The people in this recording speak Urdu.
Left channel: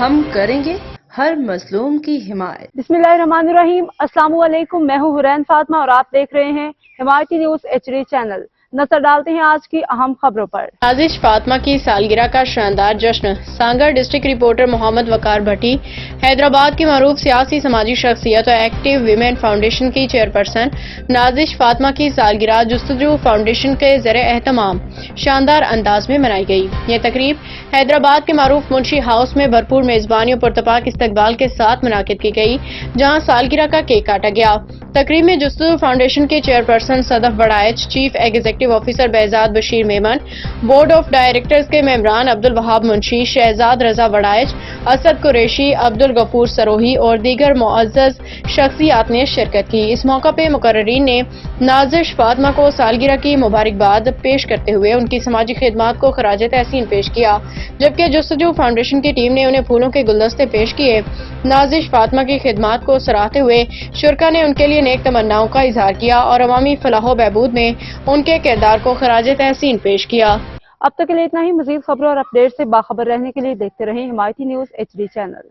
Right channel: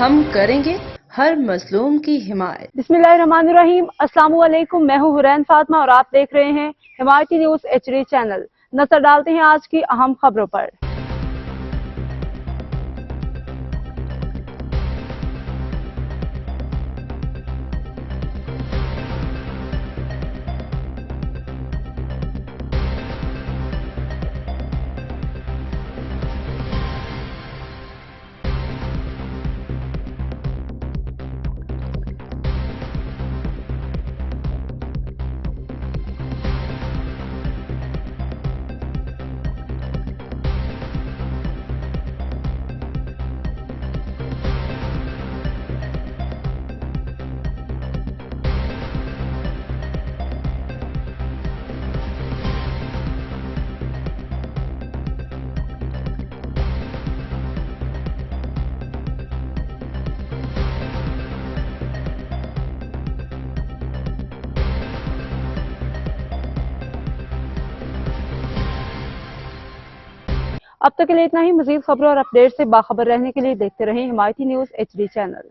ہم کریں گے ہر مظلوم کی حمایت۔ بسم اللہ الرحمن الرحیم۔ السلام علیکم، میں ہوں حرین فاطمہ اور آپ دیکھ رہے ہیں حمایتی نیوز HD چینل۔ نظر ڈالتے ہیں آج کی اہم خبروں پر۔ نازش فاطمہ کی سالگرہ کا شاندار جشن۔ سانگر ڈسٹرکٹ رپورٹر محمد وقار بھٹی۔ حیدرآباد کی معروف سیاسی سماجی شخصیت اور ایکٹیو ویمن فاؤنڈیشن کی چیئرپرسن نازش فاطمہ کی سالگرہ جستجو فاؤنڈیشن کے زیر اہتمام شاندار انداز میں منائی گئی۔ یہ تقریب حیدرآباد کے معروف منشی ہاؤس میں بھرپور میزبانی اور پرتپاک استقبال کے ساتھ منعقد کی گئی، جہاں سالگرہ کا کیک کاٹا گیا۔ تقریب میں جستجو فاؤنڈیشن کے chairperson Sadaf Baraich, chief executive officer Behzad Bashir Memon, board of directors کے ممبران عبدالوہاب منشی، شہزاد رضا بڑائچ، اسد قریشی، عبدالغفور سروہی اور دیگر معزز شخصیات نے شرکت کی۔ اس موقع پہ مقررین نے نازش فاطمہ کو سالگرہ کی مبارکباد پیش کرتے ہوئے ان کی سماجی خدمات کو خراج تحسین پیش کیا، جبکہ جستجو فاؤنڈیشن کی ٹیم نے انہیں پھولوں کے گلدستے پیش کیے۔ نازش فاطمہ کی خدمات کو سراہتے ہوئے شرکاء نے ان کے لیے نیک تمناؤں کا اظہار کیا اور عوامی فلاح و بہبود میں ان کے کردار کو خراج تحسین پیش کیا۔ اب تک کے لیے اتنا ہی۔ مزید خبروں اور اپڈیٹ سے باخبر رہنے کے لیے دیکھتے رہیں حمایتی نیوز HD چینل۔